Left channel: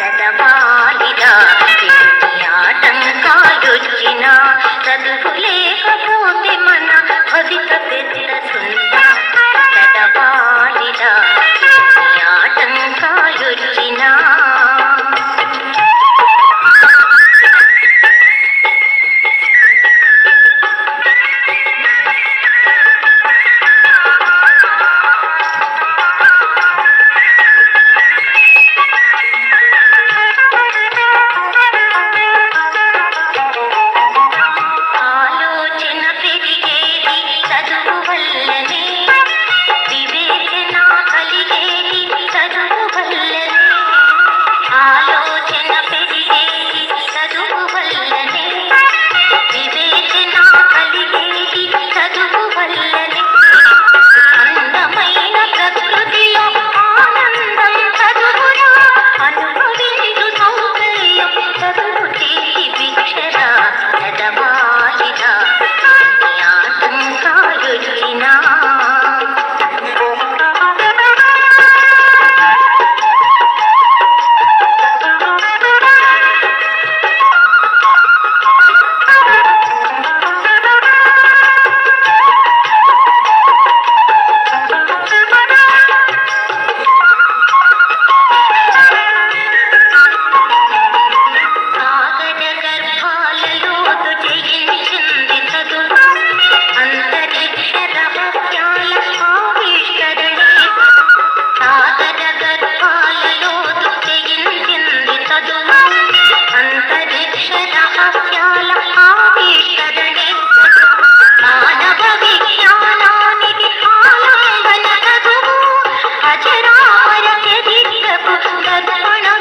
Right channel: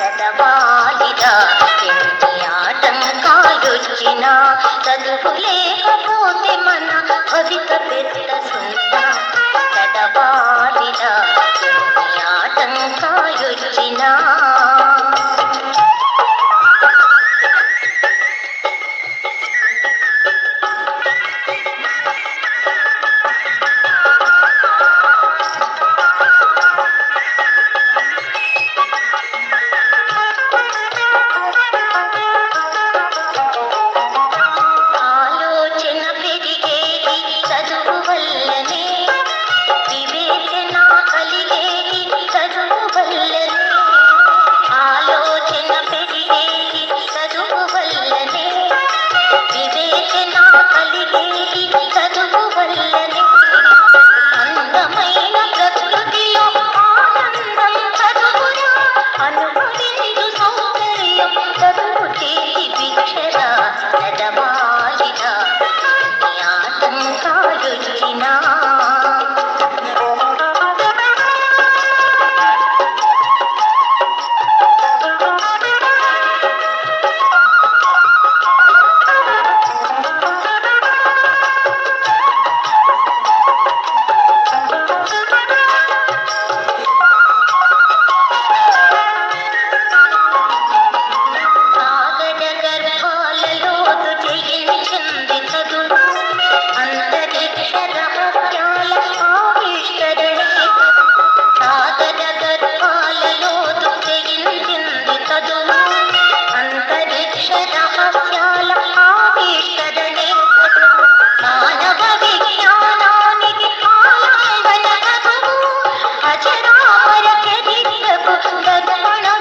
ఆటంకాలుడిన கதப்பணம்